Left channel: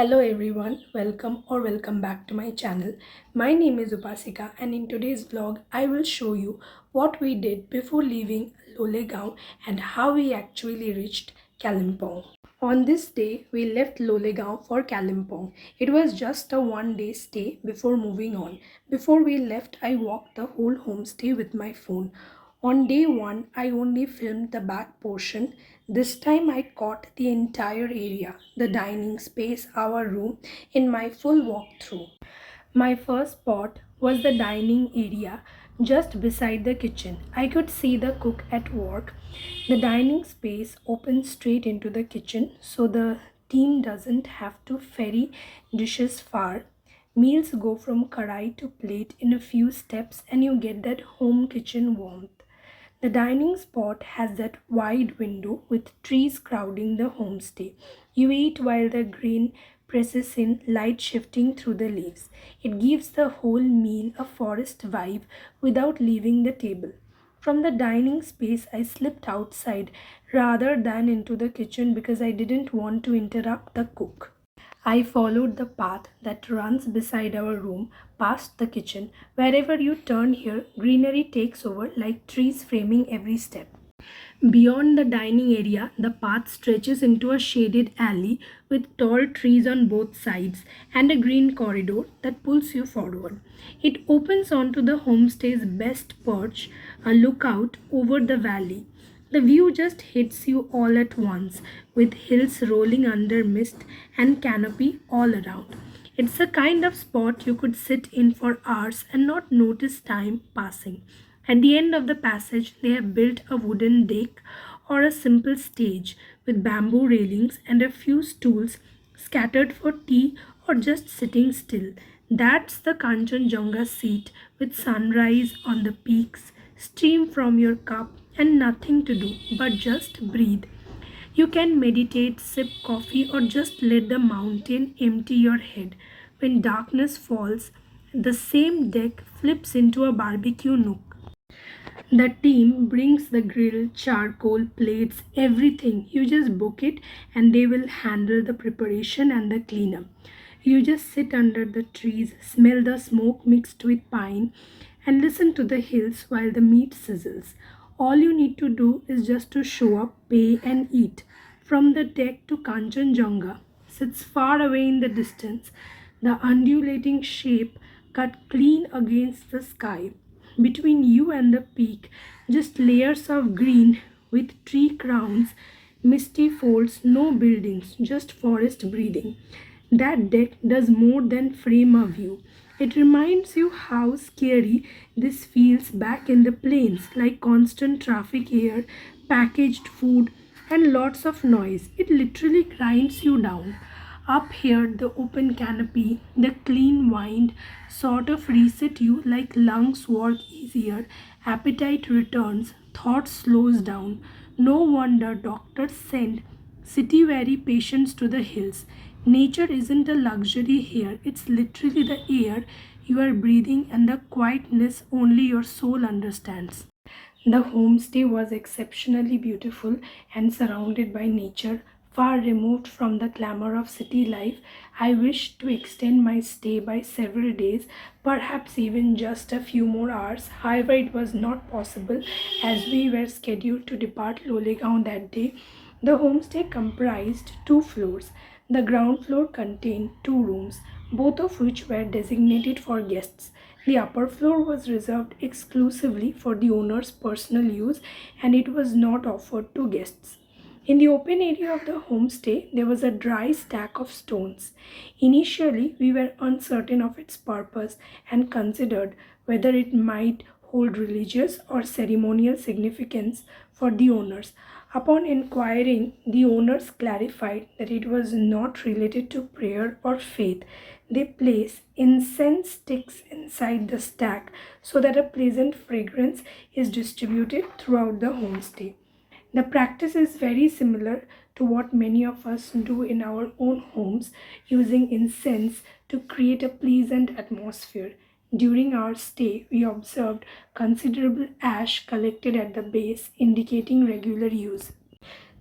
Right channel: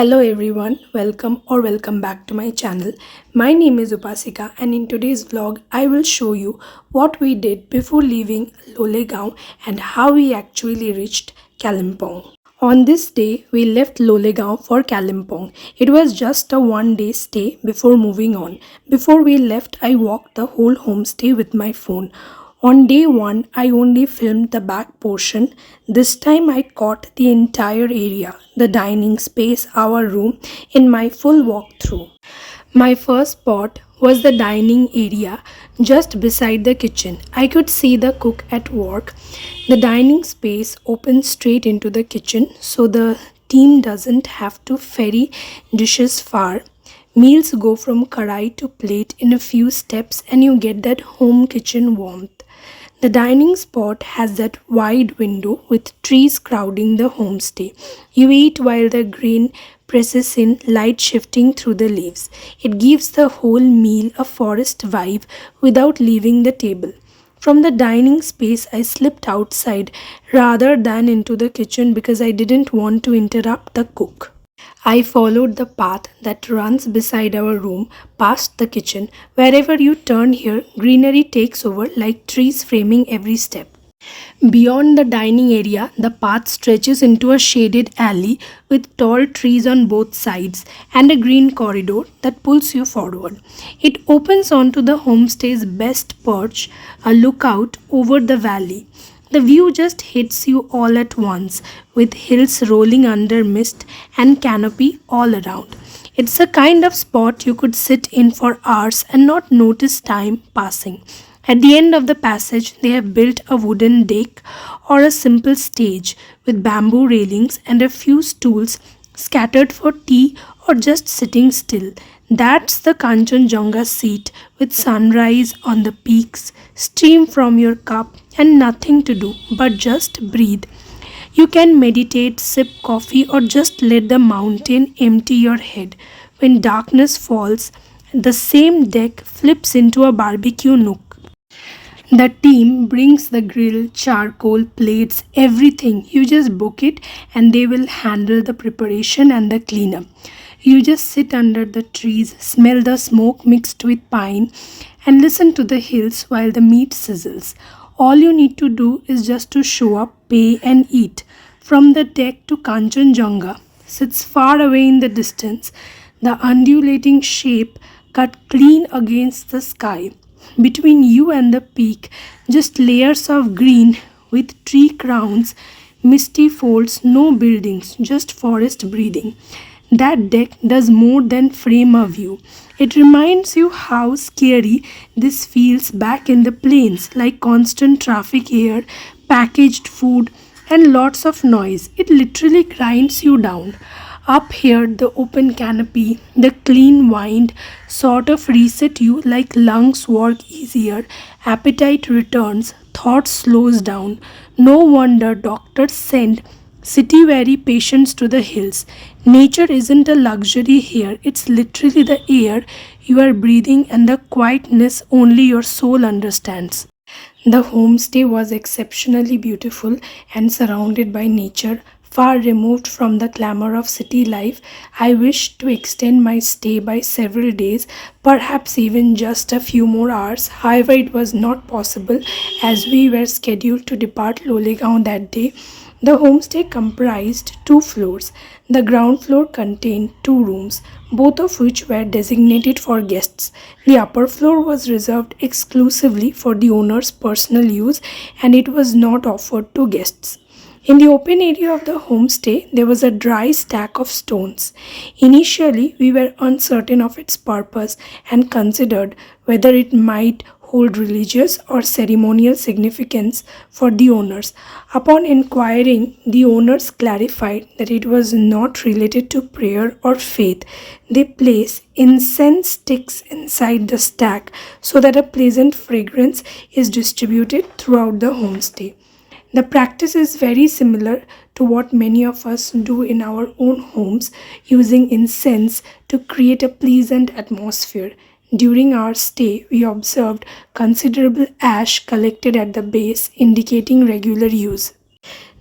Hello everyone, welcome back to my channel. My name is Upasika and in today's vlog I will show you what we did before leaving Lolegaon and how we actually reached Kalimpong. On this day we left Lolegaon for Kalimpong. It was just a one day stay before moving on. Before we left I walked the whole homestay with my phone. On day one, I only filmed the back portion. This time, I caught the entire area, the dining space, our room, in my full walkthrough. My first spot was the dining area just beside the kitchen. I could see the cook at work. The dining space opens straight into the kitchen, so the team doesn't have to ferry dishes far. Meals go from karai to plate in a few steps, and you get that home kitchen warmth. The dining spot has that wide window with trees crowding the homestay. You eat while the grain presses in, light shifting through the leaves. It gives the whole meal a forest vibe without leaving the table. From the dining space, I slipped outside rather than into the kitchen because I didn't want to interrupt the cook. I followed the path that runs beside our room, past the kitchen. Wherever you turn here, greenery takes over like trees framing every step. Beyond the dining area, the path stretches into a shaded alley with tall trees on both sides and a green corridor that pulls you forward. It opens onto the homestay's best perch, a lookout over the valley. The view just hits you all at once, with hills rolling under mist and canopy all around. It's a kind of spot you could sit in for hours and not notice time passing. At the end of the passage, they have built a wooden deck or a simple stage with bamboo railings and a few stools scattered for tea or just sitting still. That's the Kanchenjunga seat with sunrise on the peaks, steam from your cup, and nothing to do but just breathe. You can meditate, sip coffee, or just let the mountain empty your head. When darkness falls, the same deck flips into a barbecue nook. The team brings the grill, charcoal, plates, everything. You just book it and they will handle the preparation and the cleanup. You just sit under the trees, smell the smoke mixed with pine, and listen to the hills while the meat sizzles. All you need to do is just to show up, pay, and eat. From the deck to Kanchenjunga sits far away in the distance, the undulating shape cut clean against the sky. Between you and the peak, just layers of green with tree crowns, misty folds, no buildings, just forest breathing. That deck does more than frame a view. It reminds you how scary this feels back in the plains, like constant traffic here, packaged food, and lots of noise. It literally grinds you down. Up here, the open canopy, the clean wind sort of reset you like lungs work easier, appetite returns, thought slows down. No wonder doctors send city weary patients to the hills. Nature isn't a luxury here, it's literally the air you are breathing and the quietness only your soul understands. The homestay was exceptionally beautiful and surrounded by nature, far removed from the clamor of city life. I wished to extend my stay by several days, perhaps even just a few more hours. However, it was not possible as we were scheduled to depart Lolegaon that day. The homestay comprised two floors. The ground floor contained two rooms, both of which were designated for guests. The upper floor was reserved exclusively for the owner's personal use and it was not offered to guests. In the open area of the homestay, there was a dry stack of stones. Initially, we were uncertain of its purpose and considered whether it might hold religious or ceremonial significance for the owners. Upon inquiring, the owners clarified that it was not related to prayer or faith. They place incense sticks inside the stack so that a pleasant fragrance is distributed throughout the homestay. The practice is very similar to what many of us do in our own homes, using incense to create a pleasant atmosphere. During our stay, we observed considerable ash collected at the base, indicating regular use.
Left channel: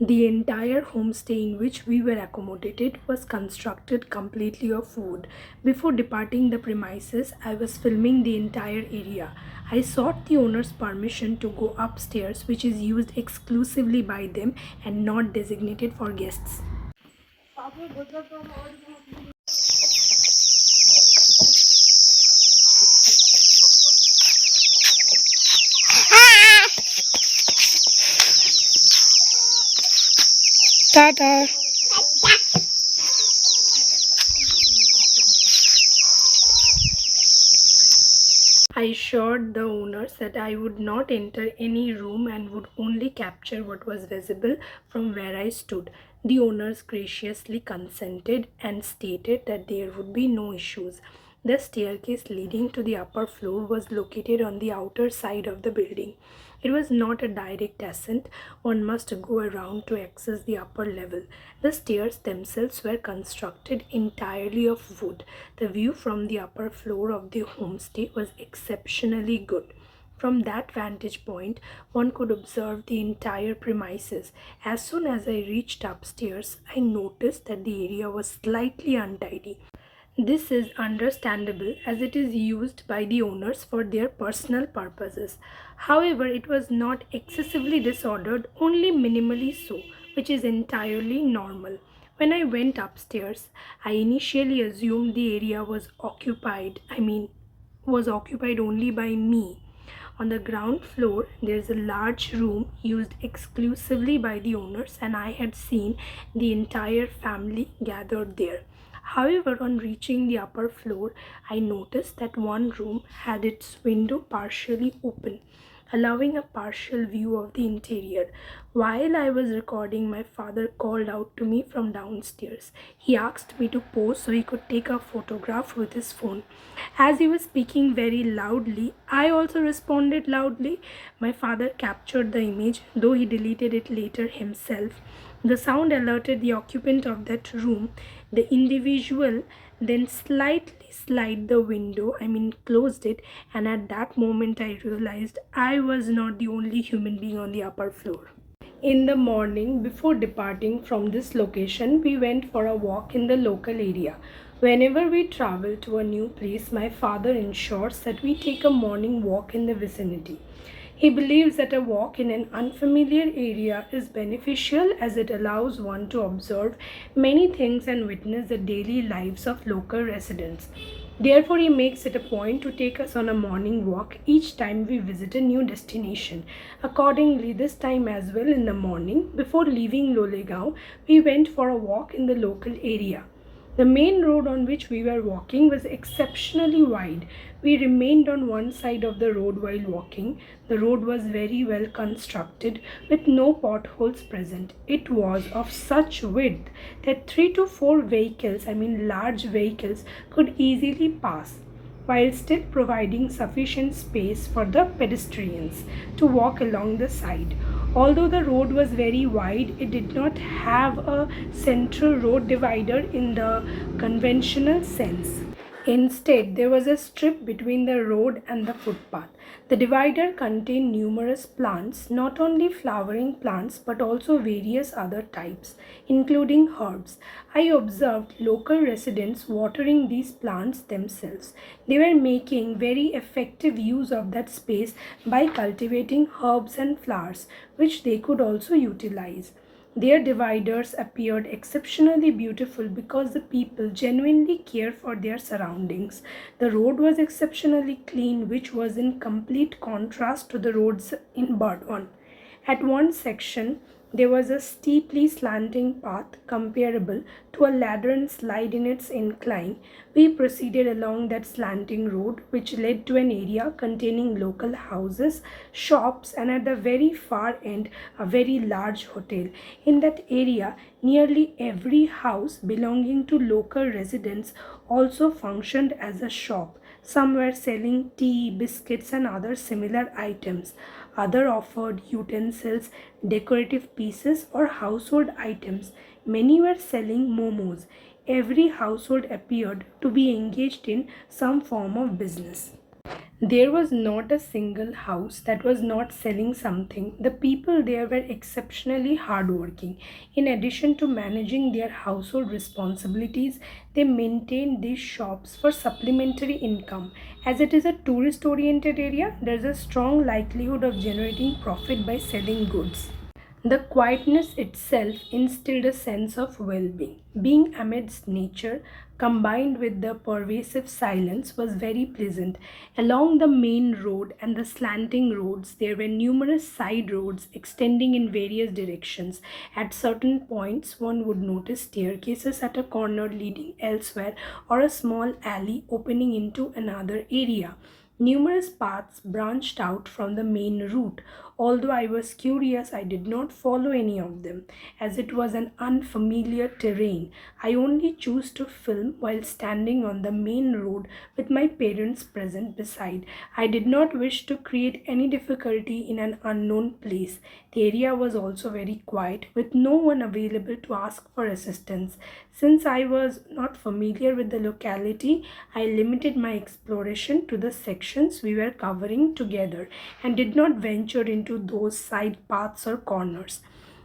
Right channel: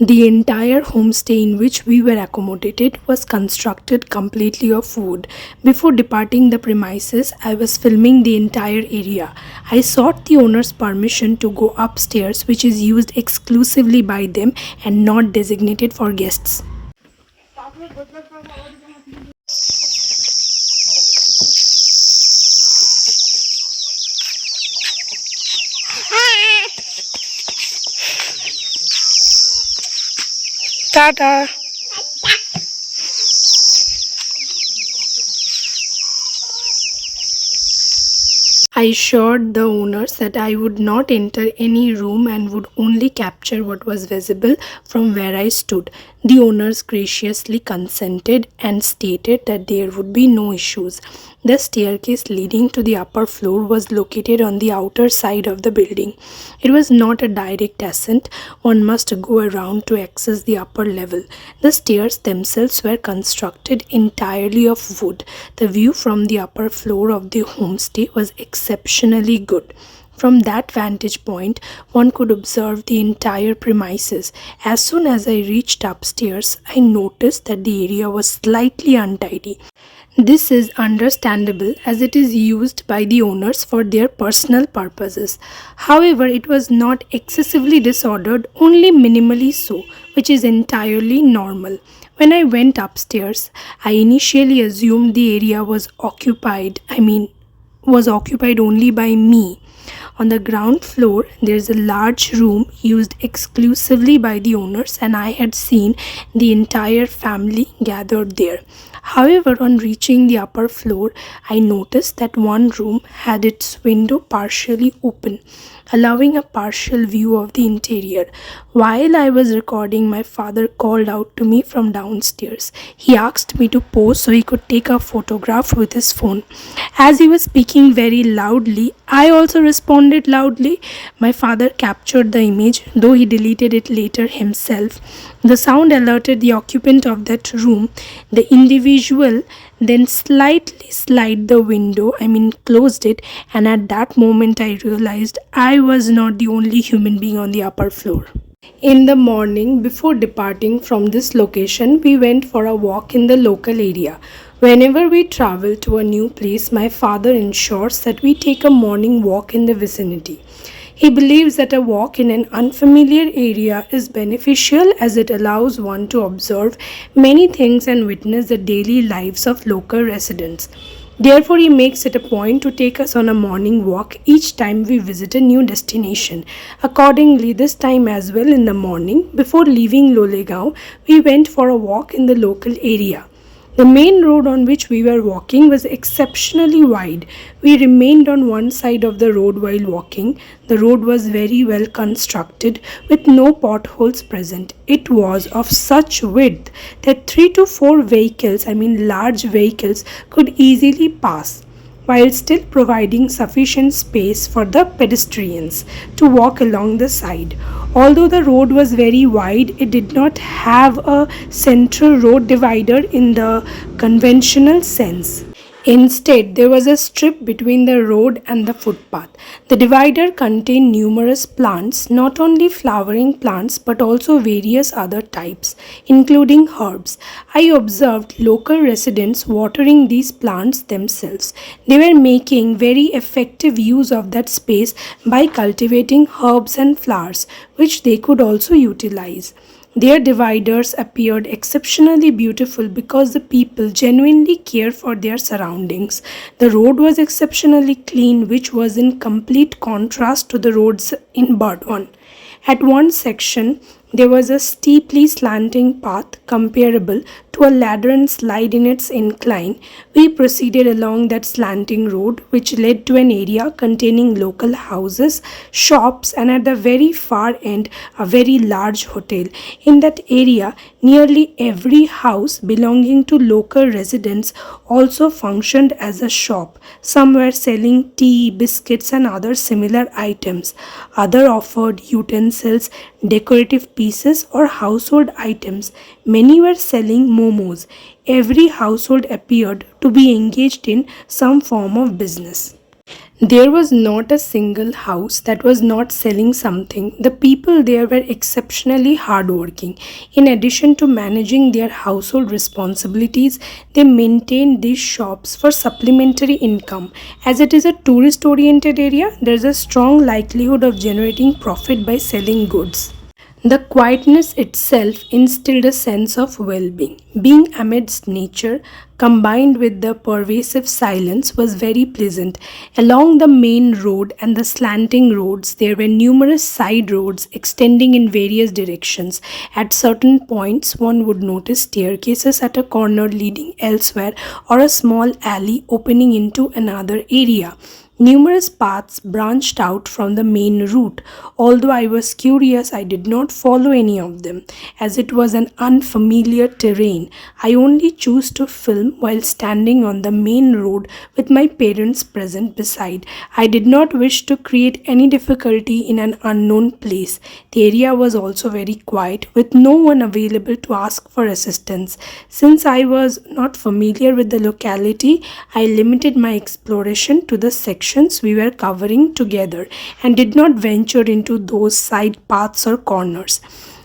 The entire homestay in which we were accommodated was constructed completely of wood. Before departing the premises, I was filming the entire area. I sought the owner's permission to go upstairs, which is used exclusively by them and not designated for guests. Tata. I assured the owners that I would not enter any room and would only capture what was visible from where I stood. The owners graciously consented and stated that there would be no issues. The staircase leading to the upper floor was located on the outer side of the building. It was not a direct ascent, one must go around to access the upper level. The stairs themselves were constructed entirely of wood. The view from the upper floor of the homestay was exceptionally good. From that vantage point, one could observe the entire premises. As soon as I reached upstairs, I noticed that the area was slightly untidy. This is understandable as it is used by the owners for their personal purposes. However, it was not excessively disordered, only minimally so, which is entirely normal. When I went upstairs, I initially assumed the area was occupied only by me. On the ground floor, there is a large room used exclusively by the owners, and I had seen the entire family gathered there. However, on reaching the upper floor, I noticed that one room had its window partially open, allowing a partial view of the interior. While I was recording, my father called out to me from downstairs. He asked me to pose so he could take a photograph with his phone. As he was speaking very loudly, I also responded loudly. My father captured the image, though he deleted it later himself. The sound alerted the occupant of that room. The individual then slightly slid the window, closed it, and at that moment I realized I was not the only human being on the upper floor. In the morning, before departing from this location, we went for a walk in the local area. Whenever we travel to a new place, my father ensures that we take a morning walk in the vicinity. He believes that a walk in an unfamiliar area is beneficial as it allows one to observe many things and witness the daily lives of local residents. Therefore, he makes it a point to take us on a morning walk each time we visit a new destination. Accordingly, this time as well in the morning, before leaving Lolegaon, we went for a walk in the local area. The main road on which we were walking was exceptionally wide. We remained on one side of the road while walking. The road was very well constructed with no potholes present. It was of such width that 3 to 4 vehicles, large vehicles, could easily pass, while still providing sufficient space for the pedestrians to walk along the side. Although the road was very wide, it did not have a central road divider in the conventional sense. Instead, there was a strip between the road and the footpath. The divider contained numerous plants, not only flowering plants but also various other types, including herbs. I observed local residents watering these plants themselves. They were making very effective use of that space by cultivating herbs and flowers, which they could also utilize. Their dividers appeared exceptionally beautiful because the people genuinely care for their surroundings. The road was exceptionally clean, which was in complete contrast to the roads in Burdwan. At one section, there was a steeply slanting path comparable to a ladder and slide in its incline. We proceeded along that slanting road, which led to an area containing local houses, shops, and at the very far end, a very large hotel. In that area, nearly every house belonging to local residents also functioned as a shop. Some were selling tea, biscuits, and other similar items. Others offered utensils, decorative pieces, or household items. Many were selling momos. Every household appeared to be engaged in some form of business. There was not a single house that was not selling something. The people there were exceptionally hardworking. In addition to managing their household responsibilities, they maintained these shops for supplementary income. As it is a tourist oriented area, there is a strong likelihood of generating profit by selling goods. The quietness itself instilled a sense of well being. Being amidst nature, combined with the pervasive silence, was very pleasant. Along the main road and the slanting roads, there were numerous side roads extending in various directions. At certain points, one would notice staircases at a corner leading elsewhere, or a small alley opening into another area. Numerous paths branched out from the main route. Although I was curious, I did not follow any of them, as it was an unfamiliar terrain. I only chose to film while standing on the main road with my parents present beside. I did not wish to create any difficulty in an unknown place. The area was also very quiet, with no one available to ask for assistance. Since I was not familiar with the locality, I limited my exploration to the sections we were covering together and did not venture into those side paths or corners.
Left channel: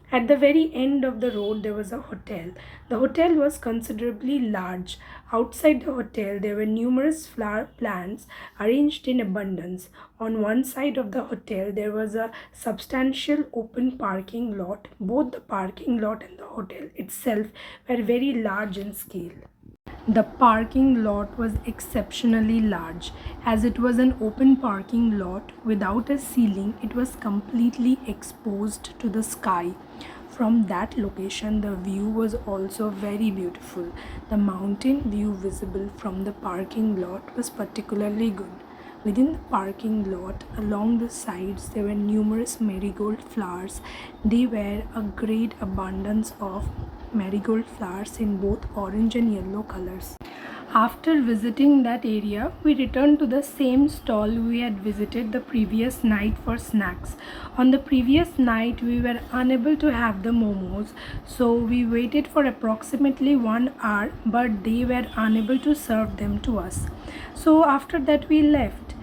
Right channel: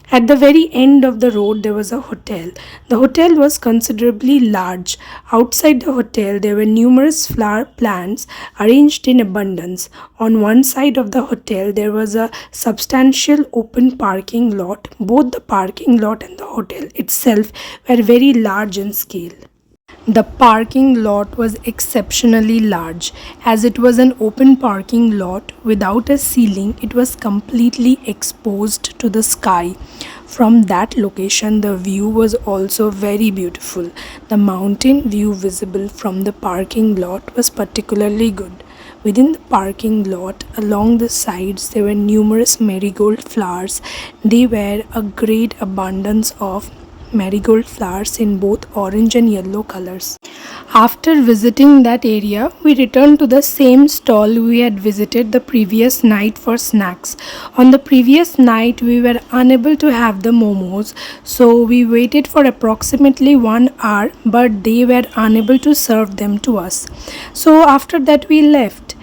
At the very end of the road, there was a hotel. The hotel was considerably large. Outside the hotel, there were numerous flower plants arranged in abundance. On one side of the hotel, there was a substantial open parking lot. Both the parking lot and the hotel itself were very large in scale. The parking lot was exceptionally large. As it was an open parking lot without a ceiling, it was completely exposed to the sky. From that location, the view was also very beautiful. The mountain view visible from the parking lot was particularly good. Within the parking lot, along the sides, there were numerous marigold flowers. They were a great abundance of marigold flowers in both orange and yellow colors. After visiting that area, we returned to the same stall we had visited the previous night for snacks. On the previous night, we were unable to have the momos, so we waited for approximately 1 hour, but they were unable to serve them to us. So after that, we left.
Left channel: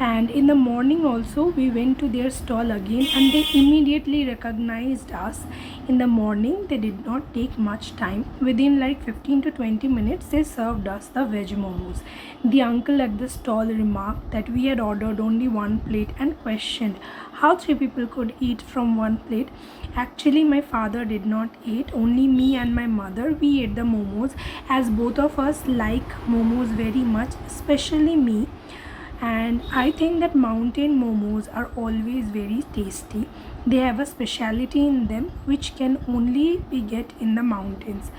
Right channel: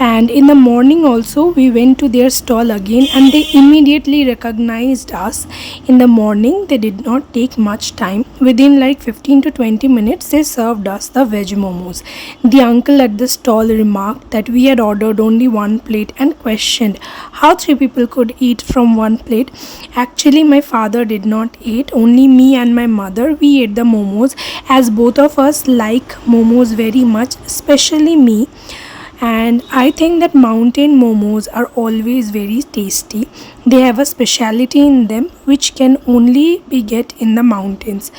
And in the morning also we went to their stall again, and they immediately recognized us. In the morning they did not take much time. Within like 15 to 20 minutes they served us the veg momos. The uncle at the stall remarked that we had ordered only one plate and questioned how three people could eat from one plate. Actually, my father did not eat, only me and my mother we ate the momos, as both of us like momos very much, especially me. And I think that mountain momos are always very tasty. They have a speciality in them which can only be get in the mountains.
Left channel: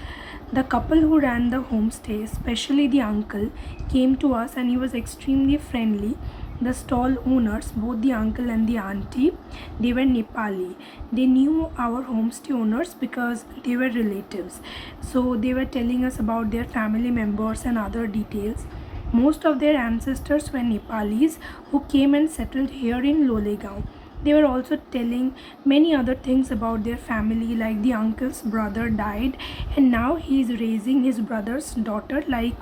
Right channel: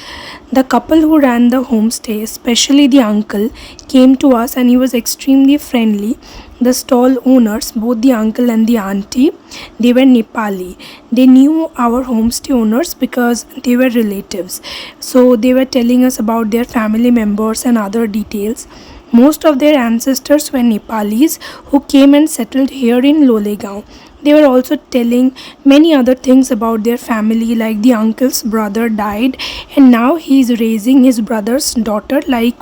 The couple who ran the homestay, especially the uncle, came to us and he was extremely friendly. The stall owners, both the uncle and the auntie, they were Nepali. They knew our homestay owners because they were relatives. So they were telling us about their family members and other details. Most of their ancestors were Nepalis who came and settled here in Lolegaon. They were also telling many other things about their family, like the uncle's brother died and now he is raising his brother's daughter like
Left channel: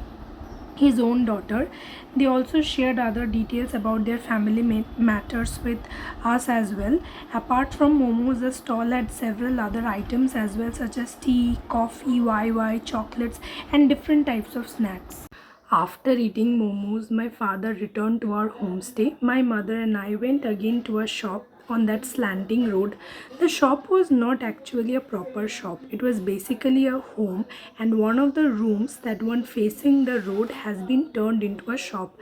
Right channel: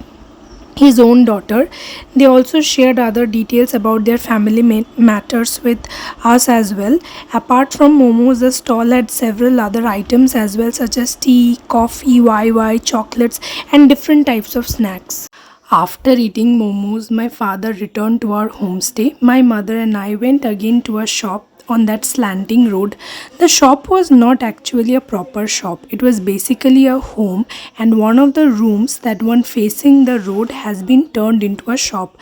his own daughter. They also shared other details about their family matters with us as well. Apart from momos, the stall had several other items as well, such as tea, coffee, YY, chocolates, and different types of snacks. After eating momos, my father returned to our homestay. My mother and I went again to a shop on that slanting road. The shop was not actually a proper shop. It was basically a home, and one of the rooms, that one facing the road, has been turned into a shop.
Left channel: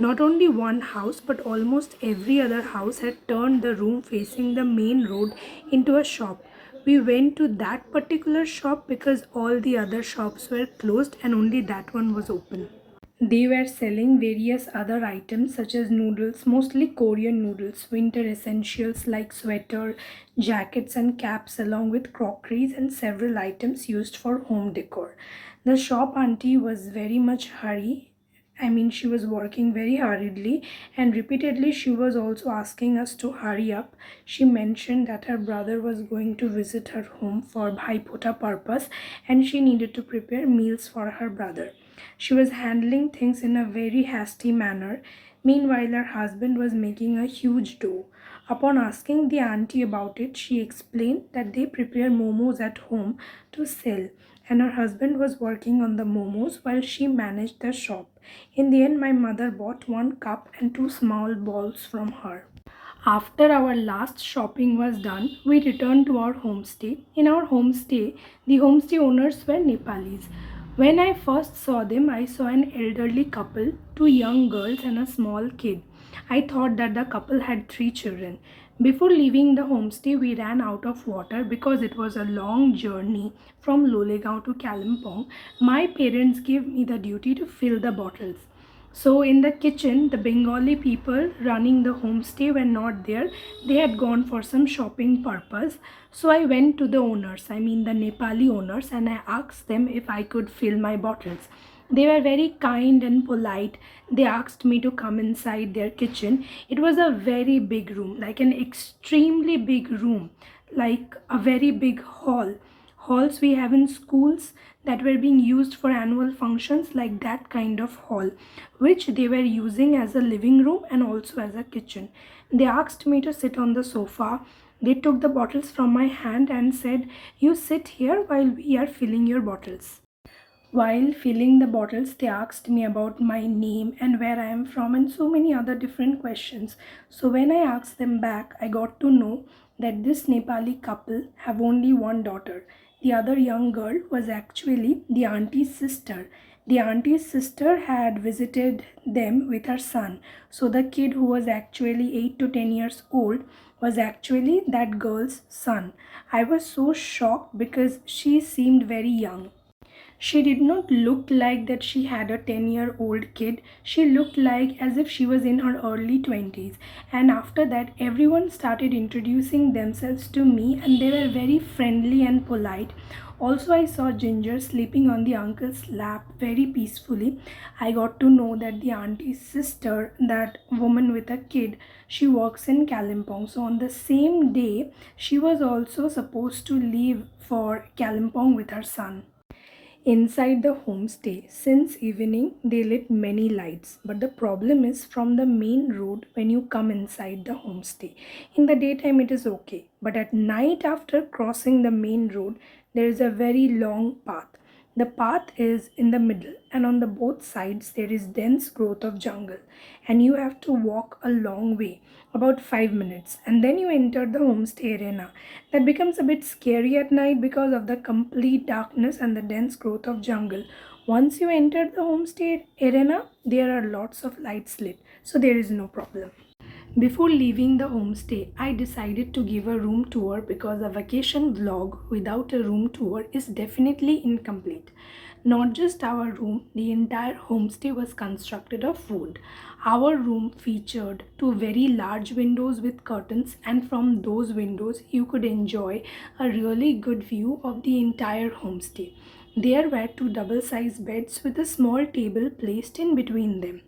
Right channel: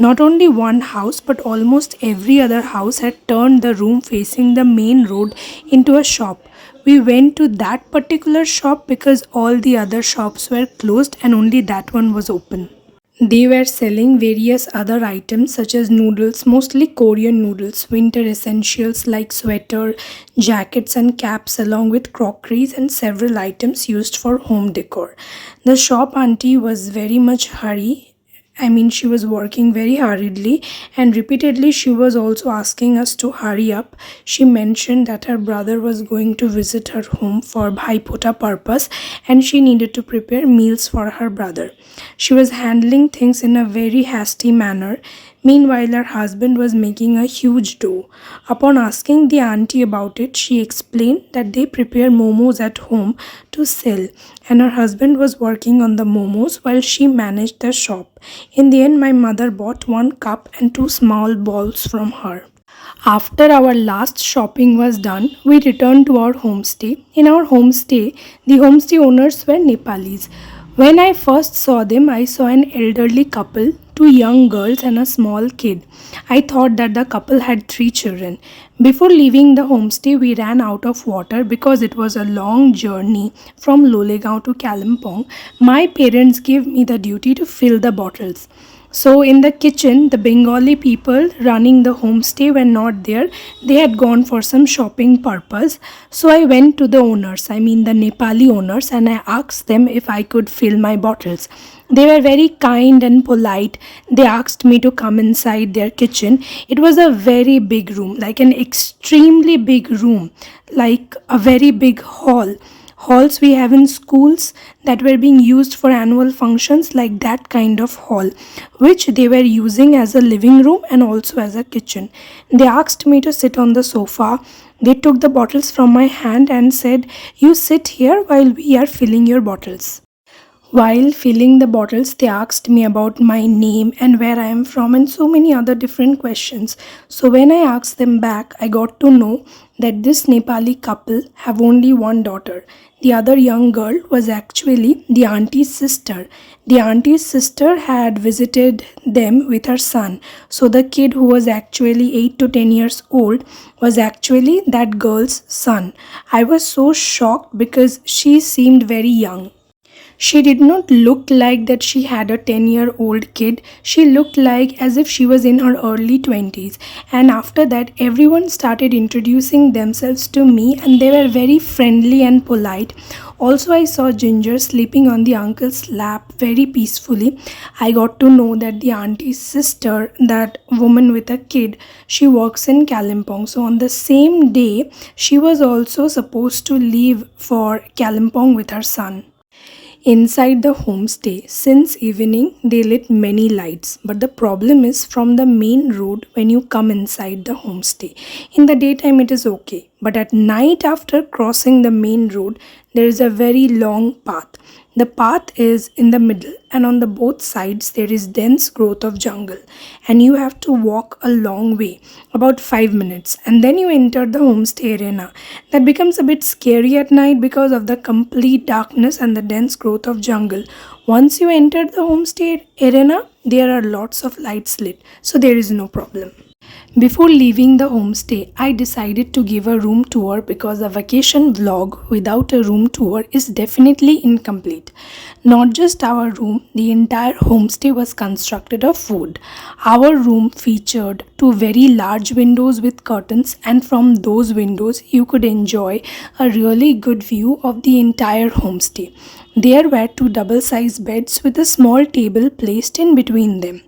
Not only one house but almost every other house had turned the room facing the main road into a shop. We went to that particular shop because all the other shops were closed and only that one was open. They were selling various other items such as noodles, mostly Korean noodles, winter essentials like sweater, jackets and caps, along with crockeries and several items used for home decor. The shop auntie was very much hurry. She was working very hurriedly, and repeatedly she was also asking us to hurry up. She mentioned that her brother was going to visit her home for Bhaipota purpose and she needed to prepare meals for her brother. She was handling things in a very hasty manner. Meanwhile, her husband was making a huge dough. Upon asking the auntie about it, she explained that they prepare momos at home to sell, and her husband was working on the momos while she managed the shop. In the end, my mother bought one cup and two small balls from her. After our last shopping was done, we returned to our homestay. In our homestay, the homestay owners were Nepalis. When I first saw them, I saw an elderly couple, two young girls, and a small kid. I thought that the couple had three children. Before leaving the homestay, we ran out of water because it was a long journey from Lolegaon to Kalimpong. My parents gave me the duty to fill the bottles. So in the kitchen, the Bengali people running the homestay were not there. They had gone for some shopping purpose. So I went to the owners, I mean the Nepali owners, and I asked them if I could fill my bottles. They were very kind and polite. They asked me to come inside their kitchen. It was a very big room, like an extremely big room, like a very big hall. Halls we have in schools that were being used for annual functions, like that kind of hall, which they were using as a living room and also as a kitchen. They asked me to sit on the sofa. They took the bottles from my hand and said, "You sit here while we are filling your bottles." While filling the bottles, they asked me about my name and where I am from and so many other different questions. So when I asked them back, I got to know that this Nepali couple have only one daughter. The other young girl was actually the auntie's sister. The auntie's sister had visited them with her son. So the kid, who was actually 8 to 10 years old, was actually that girl's son. I was so shocked because she seemed very young. She did not look like that she had a 10-year-old kid. She looked like as if she was in her early 20s. And after that, everyone started introducing themselves to me and they were very friendly and polite. Also, I saw Ginger sleeping on the uncle's lap very peacefully. I got to know that the auntie's sister, that woman with a kid, she works in Kalimpong. So on the same day, she was also supposed to leave for Kalimpong with her son. Inside the homestay, since evening, they lit many lights, but the problem is from the main road when you come inside the homestay. In the daytime, it is okay, but at night, after crossing the main road, there is a very long path. The path is in the middle, and on the both sides there is dense growth of jungle, and you have to walk a long way, about 5 minutes, and then you enter the homestay arena. That becomes a bit scary at night because of the complete darkness and the dense growth of jungle. Once you enter the homestay arena, there are lots of lights lit, so there is no problem. Before leaving the homestay, I decided to give a room tour because a vacation vlog without a room tour is definitely incomplete. Not just our room, the entire homestay was constructed of wood. Our room featured two very large windows with curtains, and from those windows you could enjoy a really good view of the entire homestay. There were two double-sized beds with a small table placed in between them.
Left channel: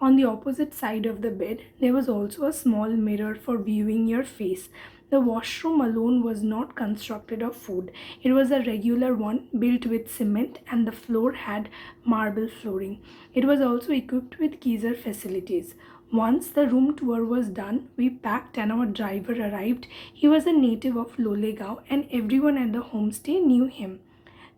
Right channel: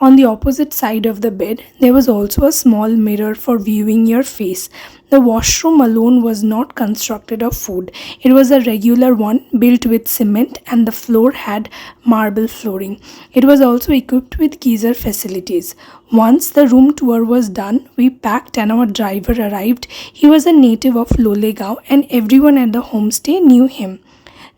On the opposite side of the bed, there was also a small mirror for viewing your face. The washroom alone was not constructed of wood. It was a regular one built with cement, and the floor had marble flooring. It was also equipped with geyser facilities. Once the room tour was done, we packed and our driver arrived. He was a native of Lolegaon and everyone at the homestay knew him.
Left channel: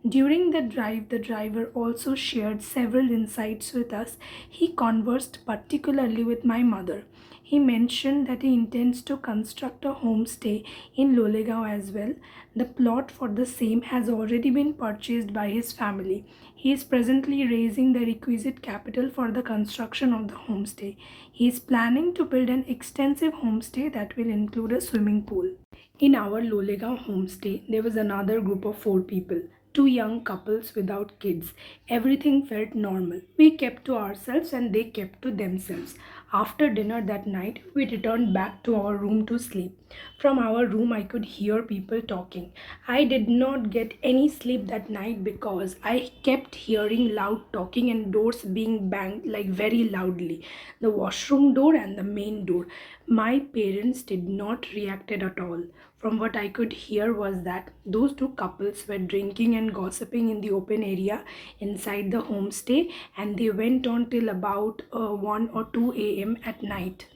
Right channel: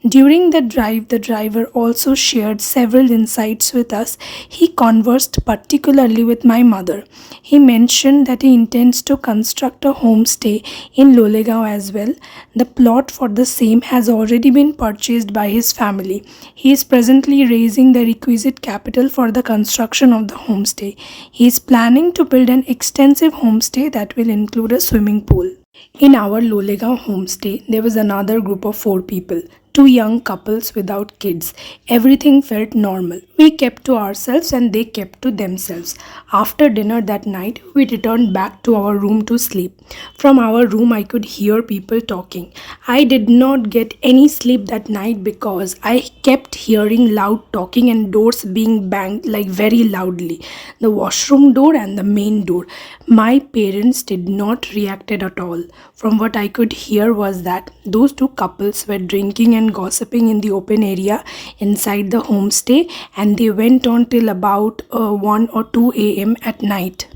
During the drive, the driver also shared several insights with us. He conversed particularly with my mother. He mentioned that he intends to construct a homestay in Lolegaon as well. The plot for the same has already been purchased by his family. He is presently raising the requisite capital for the construction of the homestay. He is planning to build an extensive homestay that will include a swimming pool. In our Lolegaon homestay, there was another group of 4 people. 2 young couples without kids. Everything felt normal. We kept to ourselves and they kept to themselves. After dinner that night, we returned back to our room to sleep. From our room, I could hear people talking. I did not get any sleep that night because I kept hearing loud talking and doors being banged like very loudly. The washroom door and the main door. My parents did not react at all. from what I could hear was that those two couples were drinking and gossiping in the open area inside the homestay, and they went on till about 1 or 2 a.m. at night.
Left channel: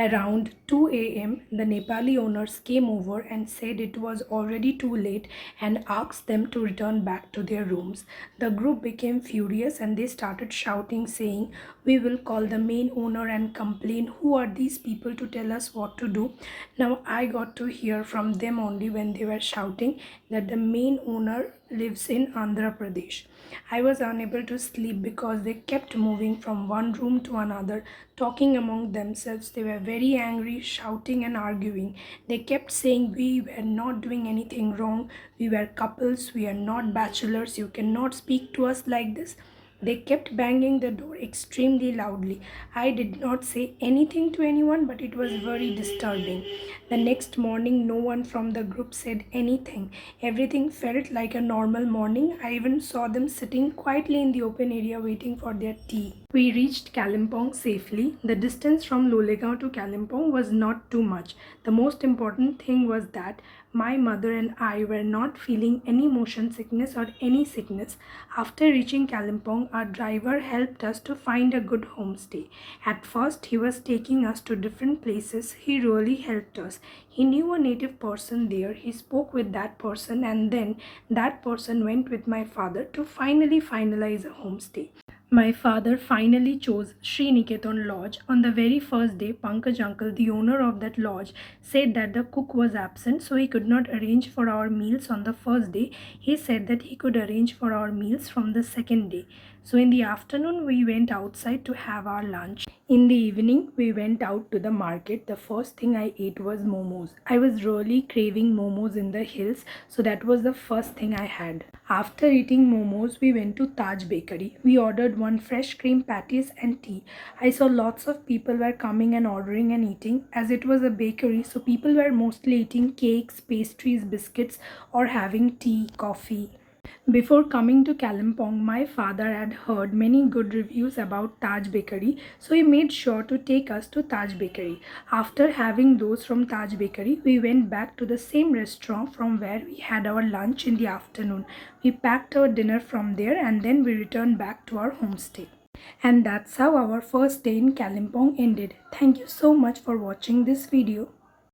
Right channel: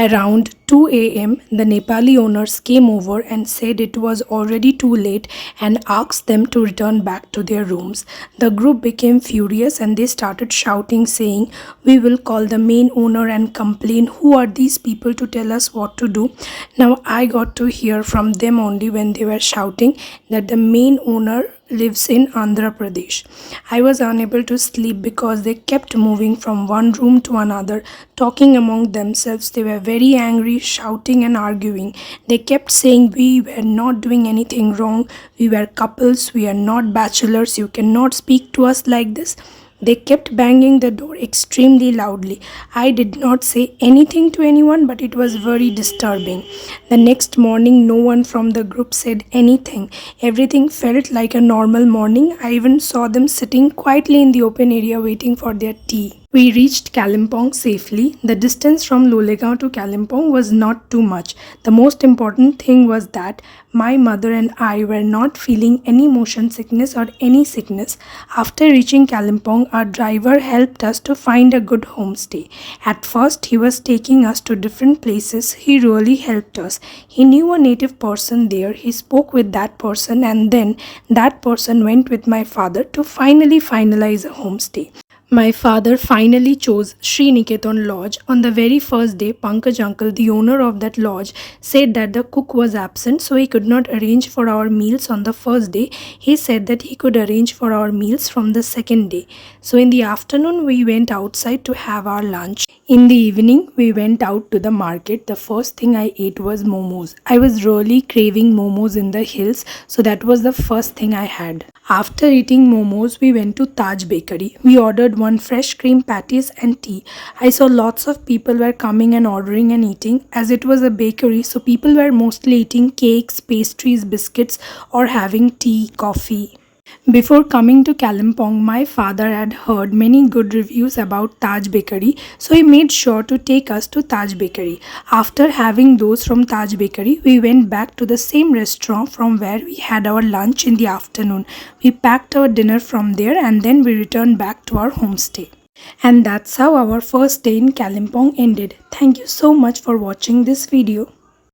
Around 2 a.m., the Nepali owners came over and said it was already too late and asked them to return back to their rooms. The group became furious and they started shouting, saying, "We will call the main owner and complain. Who are these people to tell us what to do?" Now, I got to hear from them only when they were shouting that the main owner lives in Andhra Pradesh. I was unable to sleep because they kept moving from one room to another, talking among themselves. They were very angry, shouting and arguing. They kept saying we were not doing anything wrong, we were couples, we are not bachelors, you cannot speak to us like this. They kept banging the door extremely loudly. I did not say anything to anyone, but it was very disturbing. The next morning, no one from the group said anything. Everything felt like a normal morning. I even saw them sitting quietly in the open area waiting for their tea. We reached Kalimpong safely. The distance from Lolegaon to Kalimpong was not too much. The most important thing was that my mother and I were not feeling any motion sickness or any sickness. After reaching Kalimpong, our driver helped us to find a good homestay. At first, he was taking us to different places. He really helped us. He knew a native person there. He spoke with that person, and then that person went with my father to finally finalize a homestay. My father finally chose Shreeniketan Lodge. On the very first day, Pankaj uncle, the owner of that lodge, said that the cook was absent, so he could not arrange for our meals on the first day. He said that he could arrange for our meals from the second day. So in the afternoon, we went outside to have our lunch. In the evening, we went out to the market. The first thing I ate was momos. I was really craving momos in the hills, so that was the first thing I had. After eating momos, we went to Taj Bakery. We ordered one fresh cream patties and tea. I saw lots of people were coming and ordering and eating. As it was a bakery, so people were mostly eating cakes, pastries, biscuits, or having tea, coffee. Before coming to Kalimpong, my father had heard many good reviews about Taj Bakery, so he made sure to take us to Taj Bakery. After having those from Taj Bakery, we went back to the same restaurant from where we had our lunch in the afternoon. We packed our dinner from there and then we returned back to our homestay. And that's how our first day in Kalimpong ended. Thank you so much for watching this video.